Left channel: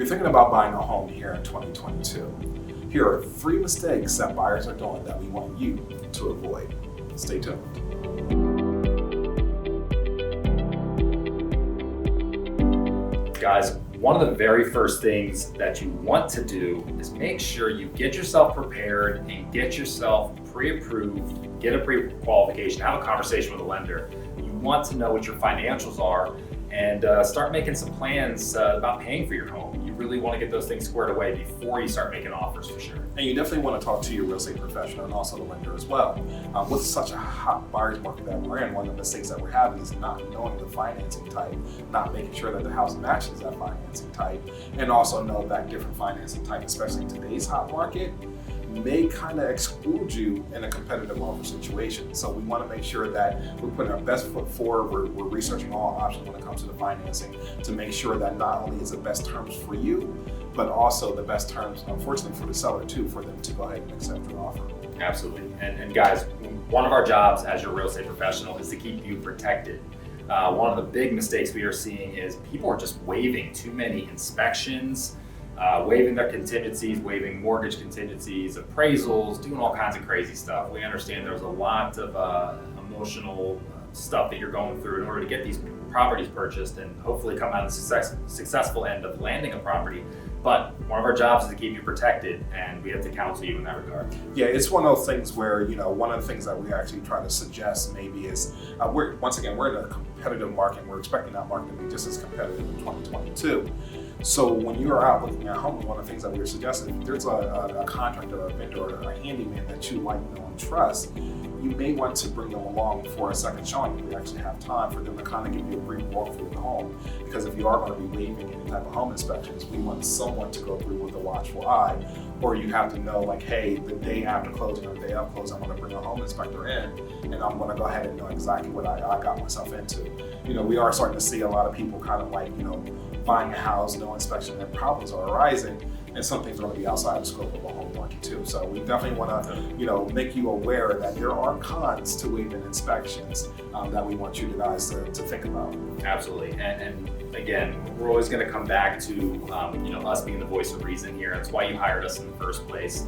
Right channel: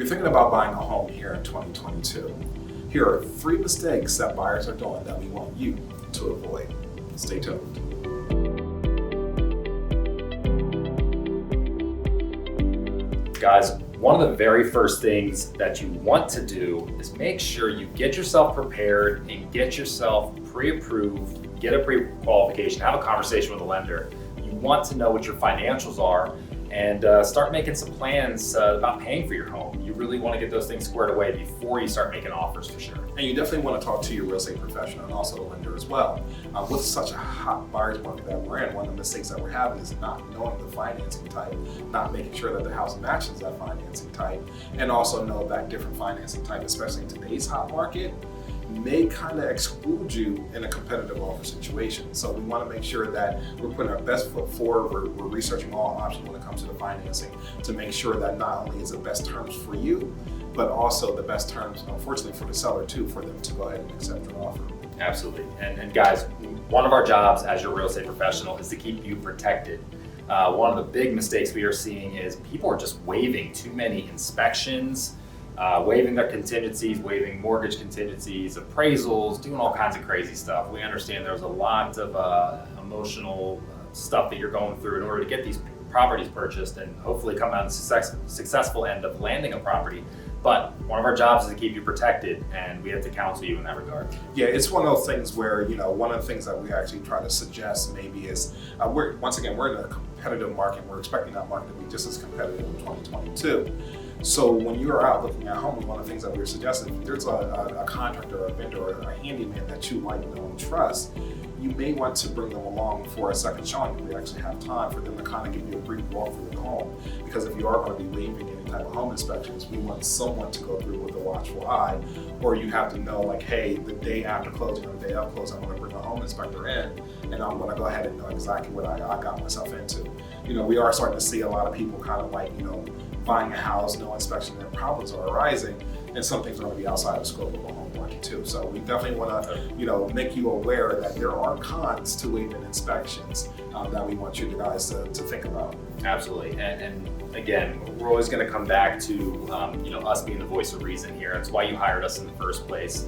You're thinking about buying a home here in 2022. Here are 3 mistakes that buyers are doing that we want you to avoid. Stay tuned. Guys, one of the very first things that you want to do is make sure you get yourself prepared and get yourself pre-approved, get a pre-qualification, have a conversation with a lender. You want to know what your financials are and start making some plans about paying for your home. You really want to get those things squared away before you start making offers, for sure. And you definitely want to talk to your real estate professional and also the lender as well. With such a hot buyer's market that we're in, one of the mistakes that we're having is not knowing the financing type, not making sure that the house matches that financing type, and also know that different financing type, especially in today's hot market, may kind of exclude you in a competitive offer situation. So we want to make sure that we're putting our best foot forward. We're researching all options when it comes to the financing to make sure that not only is the best terms for you, but also the best terms, unfortunately, for the seller too, for them to go ahead and accept your offer. Absolutely. And guys, one of our jobs as your real estate professional is to keep you protected. One of the big mistakes we are seeing is people are just waiving too many inspections, waiving their contingencies, waiving mortgage contingencies, appraisals, doing all kinds of crazy stuff. We understand there's a lot of emotional stuff that you're going through in order to get these properties purchased and hopefully come out on the successful end of landing a property. But one of our jobs is to keep you protected, and we have to counsel you in that regard. Yeah, it's one of those things where, one of the things that we actually try to suggest maybe is, we're in a competitive market, and we're expecting that market to be just as competitive in 2022. So when you're out looking at homes, one of the things that we're suggesting, if there's a contractor, a vendor, or a handyman that you like, know, and trust, you may want to bring them along for a second showing if we actually have time for them to kind of give you a brief walkthrough of the home. Because if you are going to be waiving any type of home inspections, we want someone to go through with a watchful eye, or you have to know, like, hey, the day after closing or the day of closing, I'm going to bring a home inspector in, and I'm going to go ahead and know exactly what I got myself into. We are starting to see a lot of people kind of like, buying a house, no inspection, and problems are arising, and some things are going to be outside the scope of a home market too. So we definitely want to, make you aware that there are cons to waiving inspections that we want you guys to think about. Absolutely, and again, we're always going to come back to us being the voice of reason here. That's why you hired us in the first place.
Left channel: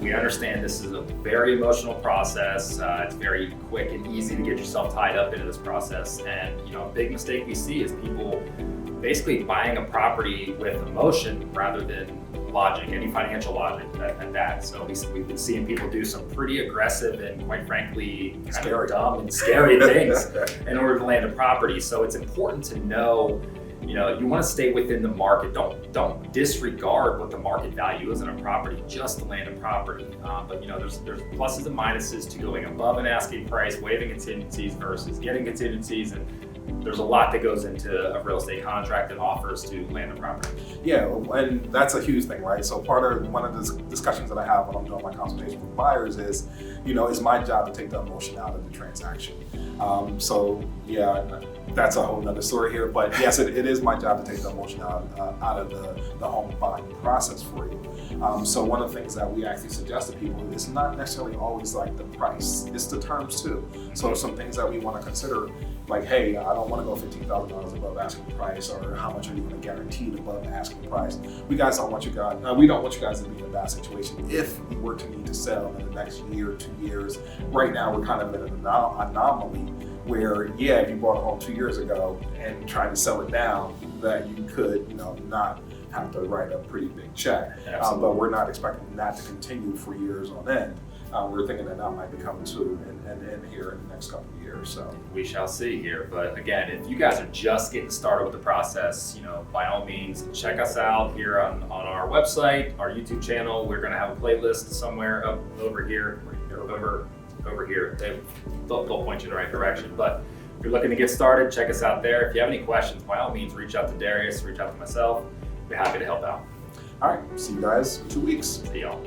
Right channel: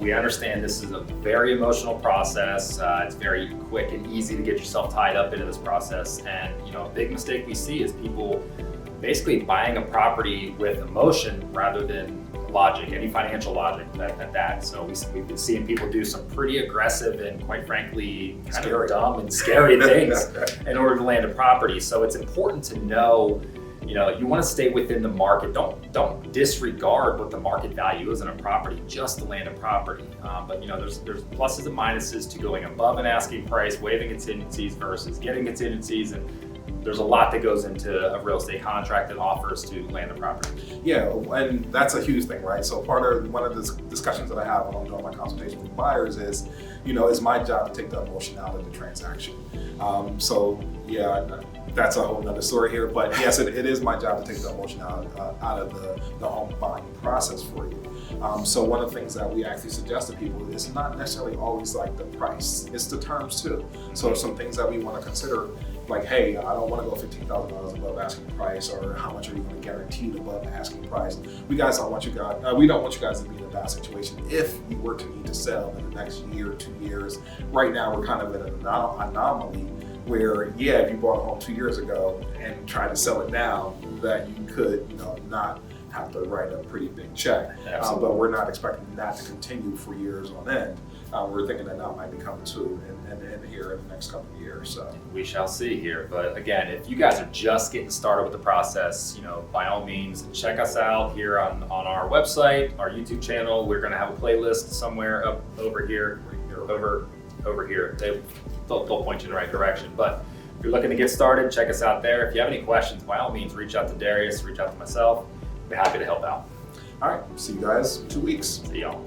We understand this is a very emotional process. It's very quick and easy to get yourself tied up into this process, and a big mistake we see is people basically buying a property with emotion rather than logic, any financial logic at that. So we've been seeing people do some pretty aggressive and, quite frankly, kind of dumb and scary things in order to land a property. So it's important to know, you want to stay within the market. Don't disregard what the market value is in a property just to land a property. But there's pluses and minuses to going above an asking price, waiving contingencies versus getting contingencies, and there's a lot that goes into a real estate contract that offers to land a property. Yeah, and that's a huge thing, right? So one of the discussions that I have when I'm doing my consultation with buyers is, it's my job to take the emotion out of the transaction. That's a whole nother story here, but yes, it is my job to take the emotion out of the home buying process for you. So one of the things that we actually suggest to people is not necessarily always like the price, it's the terms too. So there's some things that we want to consider, like, hey, I don't want to go $15,000 above asking price, or how much are you going to guarantee above asking price. We don't want you guys to be in a bad situation if you were to need to sell in the next year, 2 years. Right now, we're kind of in an anomaly where, if you bought a home 2 years ago and tried to sell it now, that you could, not have to write a pretty big check. But we're not expecting that to continue for years on end. We're thinking that might be coming to an end here in the next couple of years. So we shall see here. But again, if you guys are just getting started with the process, by all means, check us out here on our website, our YouTube channel. We're going to have a playlist somewhere up over here, over here. They'll point you in the right direction. But if you're looking to get started, check us out there. If you have any questions, by all means, reach out to Darius, reach out to myself. We're happy to help out. All right, see you guys in 2 weeks. See y'all.